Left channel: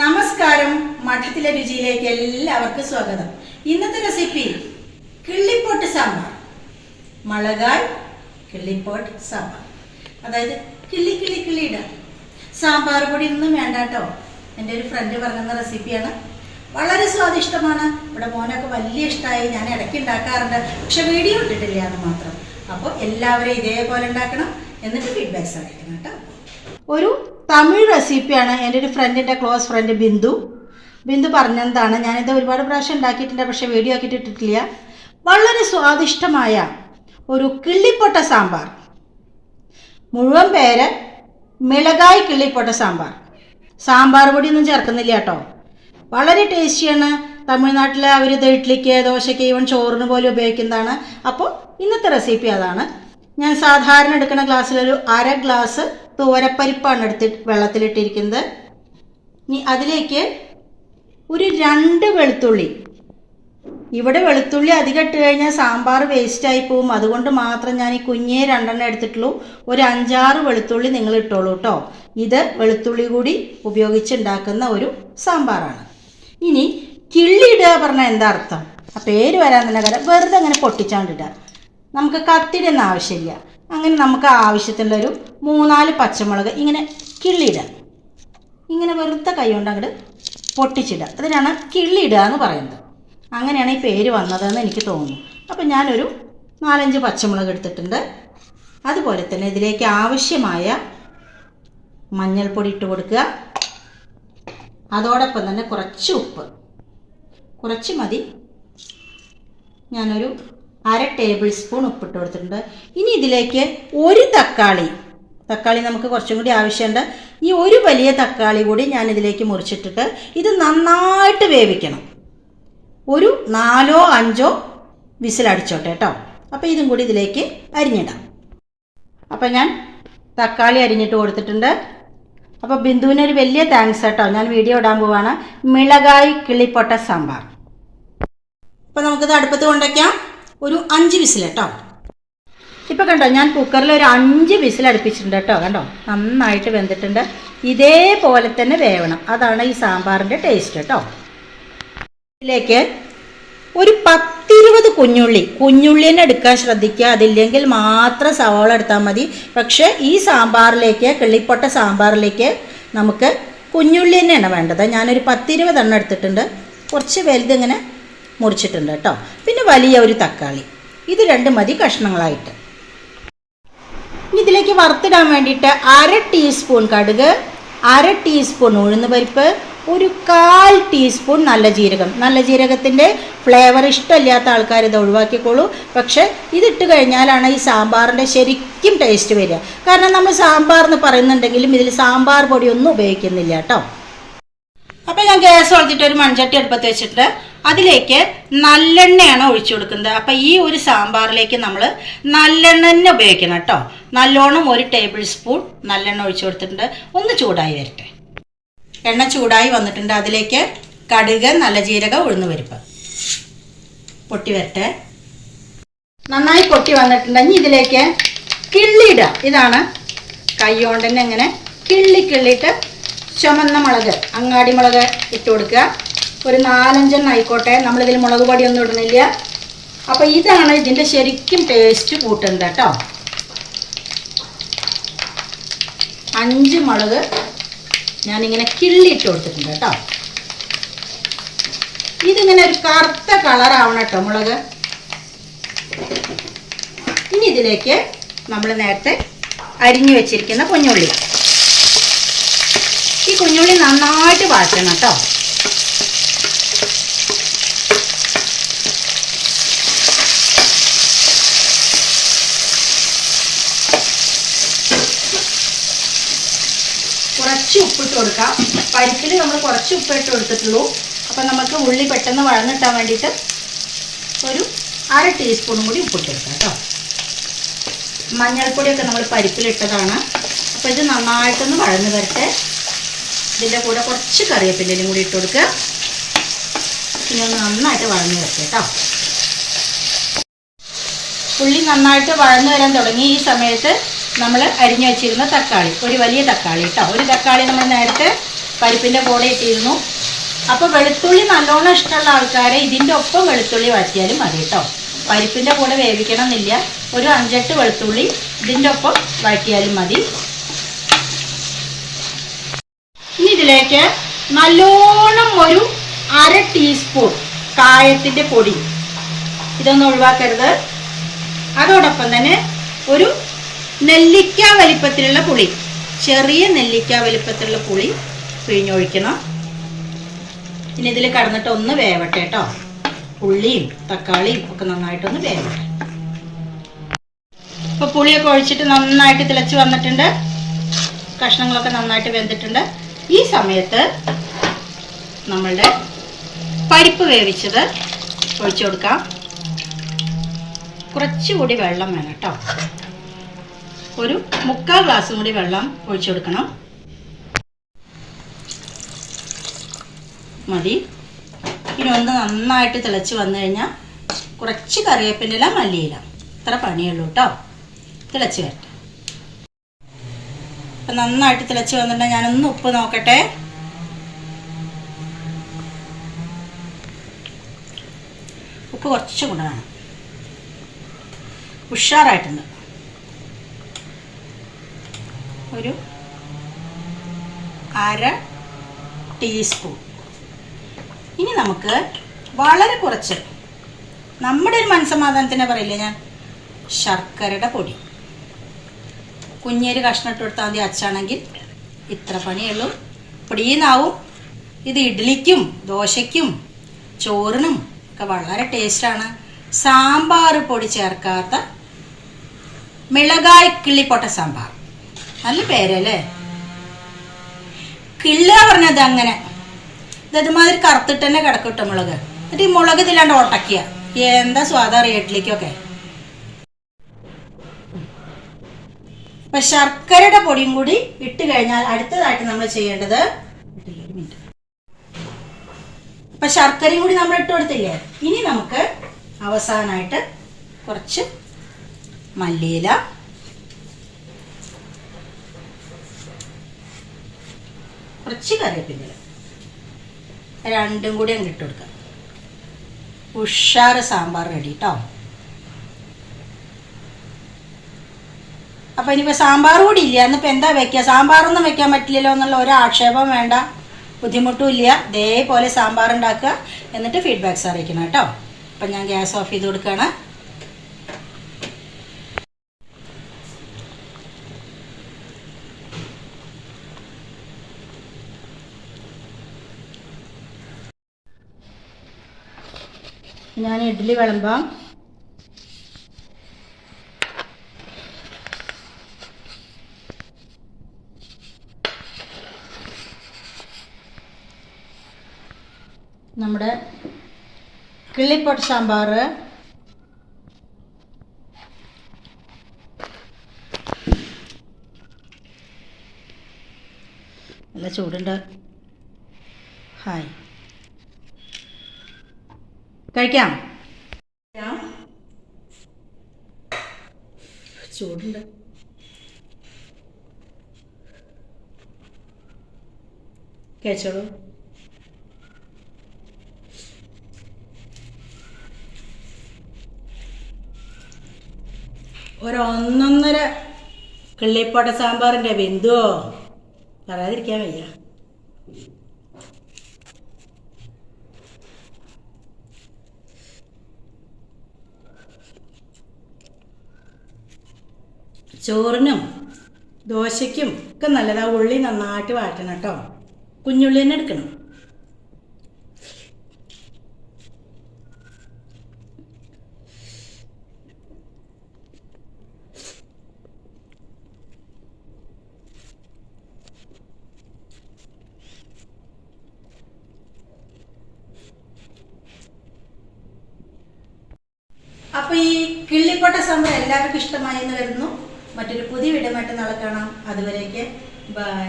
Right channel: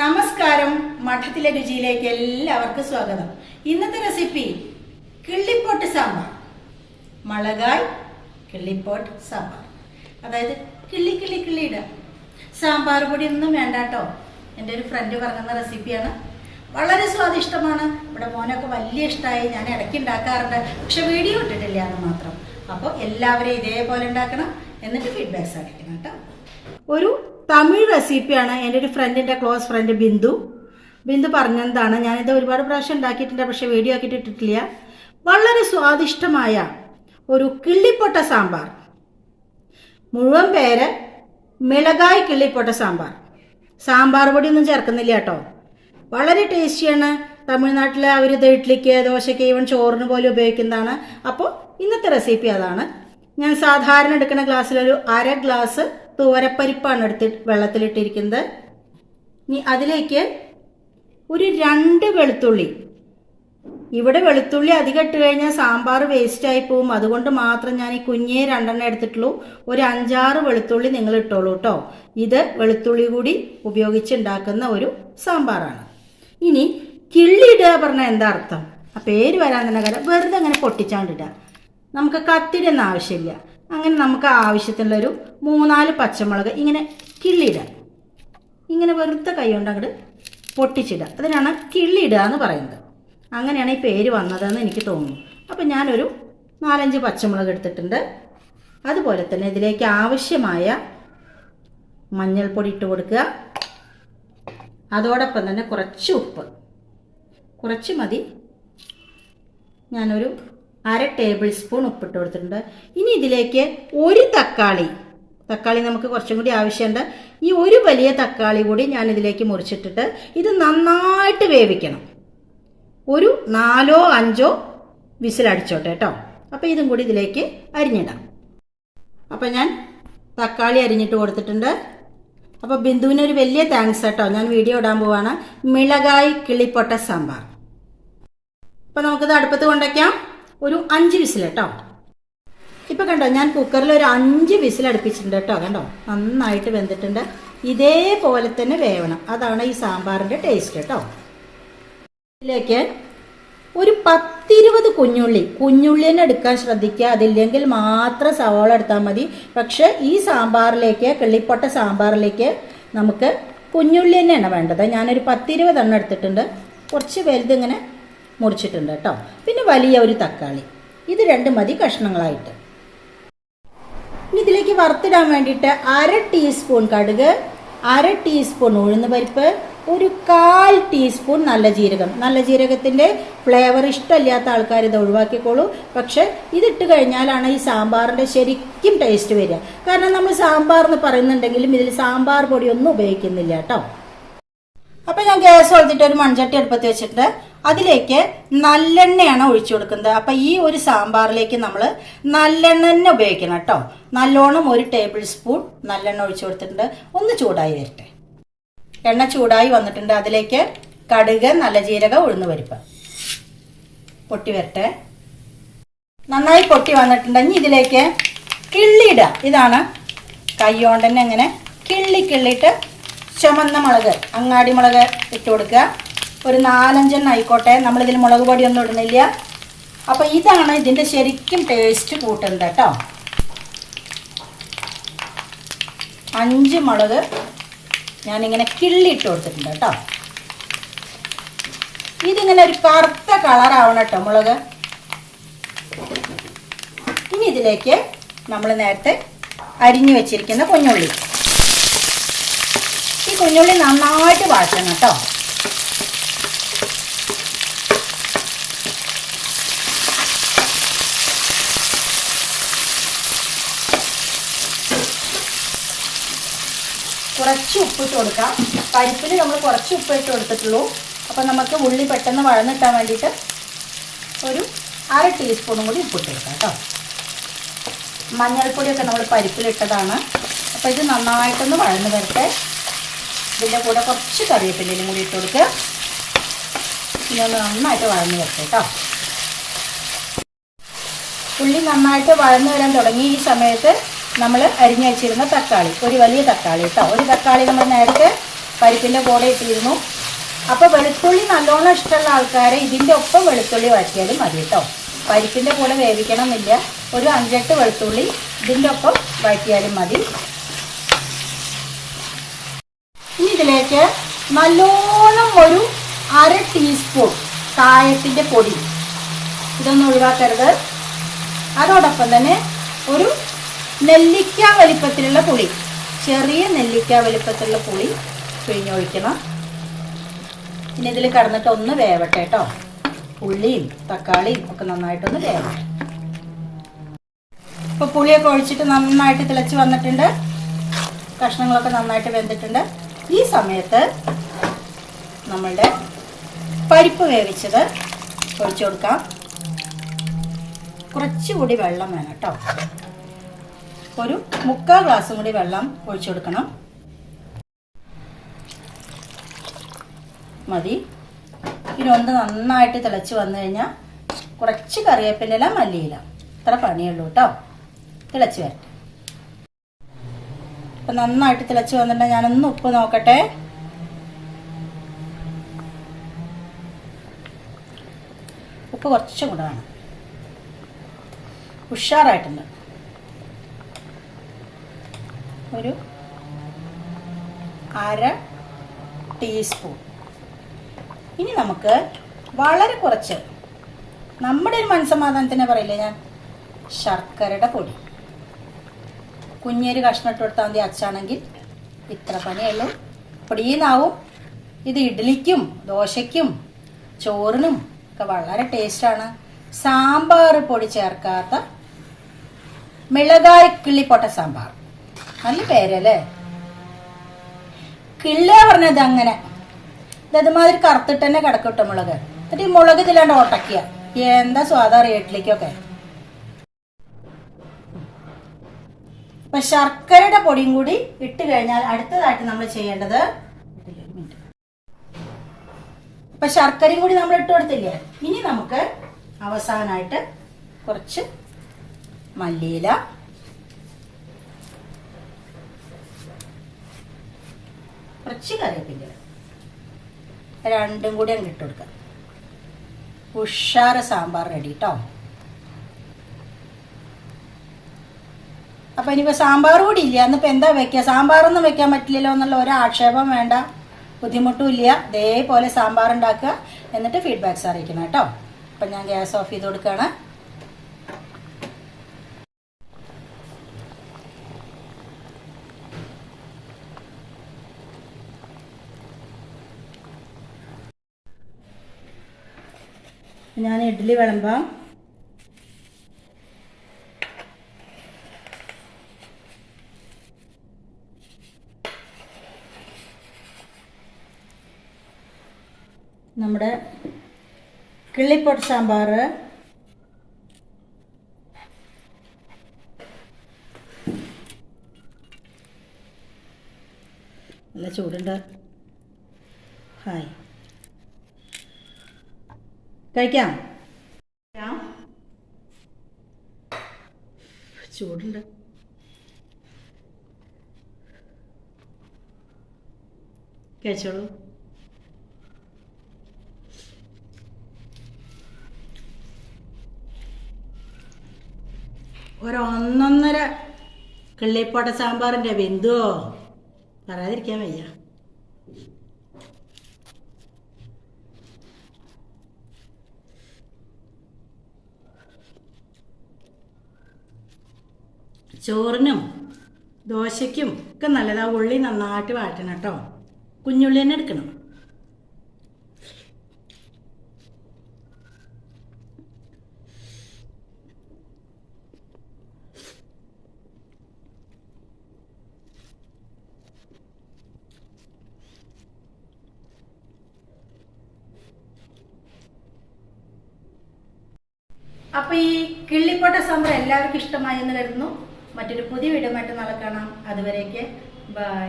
നമസ്കാരം. മഠത്തിലെ രുചിയിലേക്ക് എല്ലാവർക്കും സ്വാഗതം. ഇന്നത്തെ റെസിപ്പി കിള്ളിപ്പോട്ട് സാമ്പാർ. മുളകായ് കിള്ളിപ്പോട്ട് സാമ്പാർ. അതായത് കിള്ളി കിള്ളി കിള്ളിയിടുക സാമ്പാർ പൊടി ഒന്നും വേണ്ട കേട്ടോ എന്റെ ഒരു ഫ്രണ്ട് പറഞ്ഞ റെസിപ്പിയാണ്. വളരെ സ്വാദിഷ്ടമാണ്. ഇവിടെ മോനൊക്കെ വലിയ ഇഷ്ടമായി ഞാൻ ഇടയ്ക്ക് ഉണ്ടാക്കാറുണ്ട്. പക്ഷെ വീഡിയോ ഇട്ടിട്ടില്ല എന്ന് മാത്രം. അപ്പോൾ എല്ലാവരും ഇതേപോലെ ഉണ്ടാക്കണം. എന്നിട്ട് ഫീഡ്ബാക്ക് അറിയിക്കണം കേട്ടോ. ഒരു തമിഴ് റെസിപ്പിയാണ് എന്റെ ഒരു ഫ്രണ്ടിന്റെ ക്ലോസ് ഫ്രണ്ട് ബിന്ദു. ബിന്ദു പറഞ്ഞതാണ് ഞാനിത് ഒരുപാട് പ്രാവശ്യം ഉണ്ടാക്കിയിട്ടുണ്ട് പക്ഷേ വീഡിയോ ആക്കിയിട്ട് ഇട്ടിട്ടില്ല. വളരെ സ്വാദിഷ്ടമായ ഒരു കിള്ളിപ്പൊട്ട സാമ്പാർ. മുഴുവൻ പേര് മിളകായ് കിള്ളിപ്പൊട്ട സാമ്പാർ. സാമ്പാർ പൊടി ഒന്നും ചേർക്കുന്നില്ല കേട്ടോ. വളരെ ടേസ്റ്റിയാണ്. തമിഴ്നാട്ടിലെ അവർ ഇത് ഇഡ്ഡലിക്ക് ദോശയ്ക്ക് ഈവൻ ചോറിന് പോലും ഉപയോഗിക്കുന്നതാണ്. അപ്പോൾ ഇന്നത്തെ റെസിപ്പി അതാണ്. ഞാൻ സാധാരണ എടുക്കുന്ന ഗ്ലാസ്സിലൊരു അര ഗ്ലാസ് തോരപ്പരിപ്പാണ് എടുത്ത് വെള്ളത്തിലിട്ടിരിക്കുന്നത്. ഇനി അതിലേക്ക് ഒരു രണ്ട് വെളുത്തുള്ളി. ഇവിടെ വെളുത്തുള്ളി അധികം ഇട്ട് കഴിഞ്ഞാൽ സാമ്പാർ വേസ്റ്റായി പോവും അതുകൊണ്ട് മാത്രം ഞാൻ ഈ കുഞ്ഞേ രണ്ടെണ്ണം എടുത്തിട്ടുള്ളൂ. ഒരു അഞ്ചാറ് വെളുത്തുള്ളി നിങ്ങൾ ഇട്ടോളൂ കേട്ടോ ഇത് വെളുത്തുള്ളി കൂടി ഉപയോഗിച്ച് ഉണ്ടാക്കുന്ന ഒരു സാമ്പാറാണ്. ഇനി കിള്ളിയിടുക പറഞ്ഞാൽ എന്താ അർത്ഥം? ആ പേര് വരാൻ തന്നെ കാര്യം വെറുതെ അങ്ങനെ പൊട്ടിച്ചാണ്ടിടുക. നമുക്ക് കത്തിടുന്ന ആവശ്യമില്ല. അങ്ങനെ നമുക്ക് ആവശ്യത്തിനുള്ളൊരു മൂന്നാൽ പച്ചമുളക് ഇങ്ങനെ കിള്ളിയിടുക. ഇങ്ങനെ വെറുതെ കൈ കൊണ്ട് അങ്ങോട്ട് പൊട്ടിച്ചിടുക. അതിനാണ് കിള്ളിയിടുക എന്ന് പറയുന്നത്. അങ്ങനെയാണ് ഈ പേര് വന്നതെന്ന് എനിക്ക് തോന്നുന്നു. അപ്പം ഞാനൊരു നാലഞ്ച് പച്ചമുളക് എടുത്തിട്ടുണ്ട്. അതുപോലെ തന്നെ ഇതിലേക്ക് ആവശ്യമായ മഞ്ഞൾപ്പൊടി ഇട്ട് കൊടുക്കുക. അതോടൊപ്പം തന്നെ കുറച്ച് ഉപ്പ്. കുറച്ച് മതി. ഞാനൊരു അര ടേബിൾ സ്പൂൺ ഉപ്പിട്ട് കൊടുത്തിട്ടുണ്ട്. ഇനി ഇതിലേക്ക് ഒരു തക്കാളി തക്കാളി നമുക്ക് കുറച്ചും കൂടി ആവശ്യമുണ്ട്. ഈ ഒരു വലിയ തക്കാളി കൂടി ഞാൻ ഇതിലേക്ക് മുറിച്ചിട്ടിട്ട് ഇത് നന്നായിട്ട് വേവിക്കണം. ഒരു നാലോ അഞ്ചോ വിസിലടിച്ചോട്ടെ കേട്ടോ. അപ്പോൾ ഇതും കൂടി ഇതിലേക്ക് അരിഞ്ഞിടാം. അപ്പോൾ ഞാൻ തക്കാളി അരിഞ്ഞിട്ട് കൊടുത്തിട്ടുണ്ട്. അപ്പോൾ ബിന്ദുവിന് ഒരു വലിയ താങ്ക്സ് കേട്ടോ. ഞാൻ വീഡിയോ ഇടാൻ പോവാണ്. മിളകായി കിളിപ്പൊട്ട സാമ്പാർ. അപ്പോൾ നമുക്കിത് അടുപ്പത്ത് കൊണ്ടുവയ്ക്കാം. ഒരു അഞ്ച് വിസിൽ കേട്ടോ. ഇപ്പോൾ കണ്ടോ ഞാൻ കുക്കറിൽ ഒരു അഞ്ച് വിസിൽ അടുപ്പിച്ചിട്ടുണ്ട് കേട്ടോ കണ്ടോ? നന്നായിട്ട് വെന്തിട്ടുണ്ട്. ഇതേപോലെ തന്നെ വേവണം. അതാണ് ഈ സാമ്പാറിന്റെ ടേസ്റ്റ് കേട്ടോ. ഇതിലേക്ക് ഒരു പത്തിരുപത് കുഞ്ഞുള്ളി. കുഞ്ഞുള്ളി തന്നെ എടുക്കാൻ ശ്രദ്ധിക്കുക. അതില്ലെങ്കിൽ മാത്രം സവാള എടുത്താൽ മതി. പക്ഷേ ഈ സാമ്പാറിലേക്ക് കിള്ളിപ്പൊട്ട സാമ്പാറിലേക്ക് നമുക്ക് കുഞ്ഞുള്ളി തന്നെയാണ് വേണ്ടത്. ഞാനൊരു പത്തിരുപത് എണ്ണം എടുത്തിട്ടുണ്ട്. കുറച്ച് വലുതിങ്ങനെ മുറിച്ചിട്ടുണ്ട് കേട്ടോ. പിന്നെ വലിയ ഒരു തക്കാളി. ഇത് രണ്ട് മതി കഷ്ണങ്ങളായിട്ട്. ഇനി ഇതിലേക്ക് വറുത്തിടാൻ വേണ്ടിയിട്ട് അര ടീസ്പൂൺ കടുക് അര ടീസ്പൂൺ ഉഴുന്ന് പരിപ്പ് ഒരു കാൽ ടീസ്പൂൺ നല്ല ജീരകം. നല്ല ജീരകത്തിന്റെ ഫ്ലേവർ ഇഷ്ടമില്ലാത്ത ആൾക്കാർ ഇത് ഒഴിവാക്കിക്കോളൂ. പക്ഷേ ഇതിട്ട് കഴിഞ്ഞാലാണ് ഈ സാമ്പാറിന്റെ ശരിക്കും ടേസ്റ്റ് വരിക. കാരണം നമ്മൾ സാമ്പാർ എന്ന് പറയുന്നുണ്ടെങ്കിലും ഇതിൽ സാമ്പാർ പൊടിയൊന്നും ഉപയോഗിക്കുന്നില്ല കേട്ടോ. അപ്പോൾ ഞാൻ ഗ്യാസ് വളർത്തിയിട്ട് ഒരു മൺചട്ടി അടുപ്പത്ത് വെച്ചിട്ടുണ്ട്. അതിലേക്ക് നല്ലെണ്ണയാണ് ഒഴിച്ചു കൊടുക്കുന്നത്. അപ്പം ഈ ഒരു സാമ്പാറിലേക്ക് നമ്മൾ നല്ലെണ്ണ തന്നെ ഉപയോഗിക്കണം കേട്ടോ. നല്ലോണം ഒരു ടേബിൾ സ്പൂൺ നല്ലെണ്ണ ഒഴിച്ചു കൊടുത്തിട്ടുണ്ട്. ഒന്ന് ചൂടായി വരട്ടെ. എണ്ണ ചൂടായി വന്നിട്ടുണ്ട്. അതിലേക്ക് കടുക് നല്ല ജീരകം ഉഴുന്ന് പരിപ്പ് പൊട്ടി വരട്ടെ. നന്നായി പൊട്ടി വന്നിട്ടുണ്ടെങ്കിൽ ഇതിലേക്ക് കിള്ളിയിടുക ഇതാണ് കൈകൊണ്ട് തന്നെ കിള്ളി കിള്ളിയിട്ട് ചുമന്ന മുളക് അങ്ങാടി മുളക് ഇട്ട് കൊടുക്കുക. ഒരു നാലഞ്ചെണ്ണം ആയിക്കോട്ടെ. നമ്മളിതിൽ മുളക് പൊടിയൊന്നും ഇടുന്നില്ല. അപ്പോൾ ഇതാണ് ഇതിന്റെ ശരിക്കും ടേസ്റ്റ് കൂട്ടുന്നത് കേട്ടോ. അഞ്ച് മുളക് ഞാനിങ്ങനെ കിള്ളിയിട്ട് കൊടുത്തിട്ടുണ്ട് കേട്ടോ. ഇതിങ്ങനെ ഒരു കറുത്ത കളറാവണം കേട്ടോ മുളക്. ഇനി ഇതിലേക്ക് നമ്മൾ നേരത്തെ അരിഞ്ഞു വെച്ചിരിക്കുന്ന കുഞ്ഞുള്ളി. ഈ കുഞ്ഞുള്ളി നന്നായിട്ട് വാട്ടണം കേട്ടോ. കുറച്ച് ഉപ്പിട്ട് കൊടുക്കാം. പരിപ്പിൽ നമ്മൾ കുറച്ച് ഉപ്പിട്ട് കൊടുത്തിട്ടുള്ളൂ. അപ്പം നമുക്ക് ഉള്ളി പെട്ടെന്ന് വഴന്നിട്ടാൻ വേണ്ടിയിട്ട് ഒരു അര ടീസ്പൂണും കൂടി ഉപ്പിട്ട് കൊടുക്കാം കേട്ടോ. മഞ്ഞൾപ്പൊടിയൊക്കെ നമ്മൾ പരിപ്പിലിട്ടതാണ്. അപ്പോൾ ഇത് നന്നായിട്ടൊന്ന് വഴന്ന് വരട്ടെ. ഇതിന്റെ കൂടെ കുറച്ച് കറിവേപ്പിലയും കൂടി ഇട്ട് കൊടുക്കുക ഇനി ഒന്ന് നന്നായിട്ട് വഴന്ന് വരട്ടെ കേട്ടോ. ഉള്ളി നന്നായിട്ട് വഴന്നു വരാൻ തുടങ്ങി ഈ സമയത്ത് നമ്മൾ അരിഞ്ഞു വെച്ചിരുന്ന തക്കാളി. ഒരു വലിയ തക്കാളി കേട്ടോ ഒരു തക്കാളി നമ്മൾ നേരത്തെ പരിപ്പിന്റെ കൂടെ ഇട്ടിരുന്നു. അപ്പോൾ വെളുത്തുള്ളി നല്ലോണം ഇഷ്ടമുള്ള ആൾക്കാരെ ഇതിന്റെ ഒപ്പം വെളുത്തുള്ളി വാറ്റിയാലും മതി കേട്ടോ പരിപ്പിന്റെ കൂടെ വേവിക്കണം എന്നില്ല ഒരു അഞ്ചെട്ട് വെളുത്തുള്ളി ഇതിന്റെ ഒപ്പം വാറ്റിയാലും മതി. ഇനി ഇതിലേക്ക് നല്ലോണം ഒരു അര ടീസ്പൂൺ കായത്തിന്റെ പൊടി. ഇതൊന്നും ഒഴിവാക്കരുത്. അതോടൊപ്പം തന്നെ ഒരു നെല്ലിക്ക വലിപ്പത്തിലുള്ള പുളി. ചെറിയ നെല്ലിക്ക വലിപ്പത്തിലുള്ള പുളി പിഴിഞ്ഞൊഴിക്കണം. ഇനി ഇതിൽ കടന്നിട്ട് ഒന്ന് വേവട്ടെ കേട്ടോ ഉള്ളിയും തക്കാളിയും ഒക്കെ നന്നായിട്ടൊന്ന് വേവട്ടെ. ഇപ്പോൾ പുളിയൊക്കെ ഒഴിച്ചിട്ട് നന്നായിട്ട് തിളച്ച് വന്നിട്ടുണ്ട്. കഷ്ണങ്ങളൊക്കെ നന്നായിട്ട് വെന്തിട്ടുണ്ട്. ഈ സമയത്ത് നമ്മളുടെ പരിപ്പ് വേവിച്ചത് ഒഴിച്ചു കൊടുക്കാം. കുറച്ചുകൂടി വെള്ളം വേണം കേട്ടോ ഒരു മുക്കാൽ ഗ്ലാസ് കൂടി വെള്ളം ഒഴിച്ചു കൊടുക്കണം. മതി. ഇനി ഒന്ന് നന്നായിട്ട് തിളച്ച് വന്നു കഴിഞ്ഞാൽ കുറച്ച് കറിവേപ്പിന്റെ ഇല മല്ലിയില. ഇത്ര പണിയുള്ളൂ കേട്ടോ. തിളച്ച് വരട്ടെ. അപ്പം നന്നായിട്ട് തിളച്ച് വന്നിട്ടുണ്ടെങ്കിൽ ഞാനൊന്ന് ഉപ്പ് നോക്കട്ടെ. ഉപ്പ് കുറച്ചും കൂടെ വേണം. ഉഷാറായിട്ടുണ്ട്. ഒരു അര ടീസ്പൂൺ ഇനി നമുക്ക് വളരെ കുറച്ച് നമ്മുടെ ഒരു മനസ്സമാധാനത്തിന് പറയില്ലേ ഞാൻ? ശർക്കരയുടെ പൊടി. കുഞ്ഞേര് കഷ്ണം ഇട്ട് കൊടുത്താൽ മതി അച്ചാണെങ്കിൽ ഇത്ര പണിയുള്ളൂ. പൊടിയുന്നാവും. ഇത് ഇഡ്ഡലിക്കും ദോശയ്ക്കും ചോറിനും ഒക്കെ വളരെ ടേസ്റ്റാണ്. സാമ്പാർ പൊടി ചേർക്കാത്ത മിളകായ് കിള്ളിപ്പൊട്ട സാമ്പാർ. നല്ല പേരല്ലേ? കിള്ള പറഞ്ഞത് അങ്ങനെ. ഇത് അതുമാതിരി കറുത്തിട്ട് തന്നെ കിടക്കട്ടെ മുളക്. എന്നിട്ട് ഈ മുളക് ഇതിലാണ്ട് ഒട്ടക്കുക എന്താ സ്വാദം അറിയാം ഇഡ്ഡലിക്കൊക്കെ അപ്പൊ ശർക്കരയുടെ പൊടിയും കൂടി ഇട്ട് കഴിഞ്ഞാൽ അടുത്തതായിട്ട് നമ്മൾ ചെയ്യേണ്ടത്. അപ്പൊ ശർക്കരയും കൂടി നമ്മൾ ഇട്ട് കൊടുത്തില്ലേ? ഇനി നമുക്ക് അവസാനമായിട്ട് കുറച്ച് മല്ലിയില കുറച്ച് കറിവേപ്പിന്റെ രണ്ടും കൂടി അങ്ങ് ഇട്ട് കൊടുക്കാം. ഉഷാറ് സാമ്പാർ റെഡി കേട്ടോ അപ്പം ഇനിയിപ്പോൾ സാമ്പാർ കൂടി ഇല്ല. എന്നിപ്പോൾ എന്താ വെക്കുക സാമ്പാറൊന്നും വെക്കാൻ പറ്റില്ലല്ലോ എന്നുള്ള ഒരു ആക്ഷേപം വേണ്ട. ബുദ്ധിമുട്ടും ഇല്ല. ഇതേപോലെ സാമ്പാർ ഉണ്ടാക്കുക. എന്നിട്ട് ഫീഡ്ബാക്ക്സ് അറിയിക്കണം കേട്ടോ. അപ്പം ഞാൻ ഗ്യാസ് ഓഫ് ചെയ്ത് കൊടുക്കുകയാണ്. ഞാൻ ഇഡ്ഡലി വിളമ്പാം. നമ്മുടെ കിള്ളിപ്പൊട്ട് സാമ്പാർ. നല്ല ചൂടുണ്ട്. ഹായ്. കഴിക്കാം. ചൂടുണ്ട്. കഴിച്ചോളൂ. ഒരൊന്നൊന്നര കിള്ളിപ്പോട്ട സാമ്പാറിന്റെ ബിന്ദുവോ പറയാതിരിക്കാൻ വയ്യ. ചോറിനും ദോശയ്ക്കും ഒക്കെ നല്ലതാ. ഉള്ളി നന്നായിട്ട് വാട്ടണം കേട്ടോ. കുഞ്ഞുള്ളി തന്നെ എടുക്കണം. അപ്പൊ ഈ കിള്ളിപ്പൊട്ട സാമ്പാർ എല്ലാവർക്കും ഇഷ്ടമായി എന്ന് വരുന്നു മറ്റൊരു പുതിയ വീഡിയോ നാളെ കാണാം. അതുവരേക്ക് ബൈ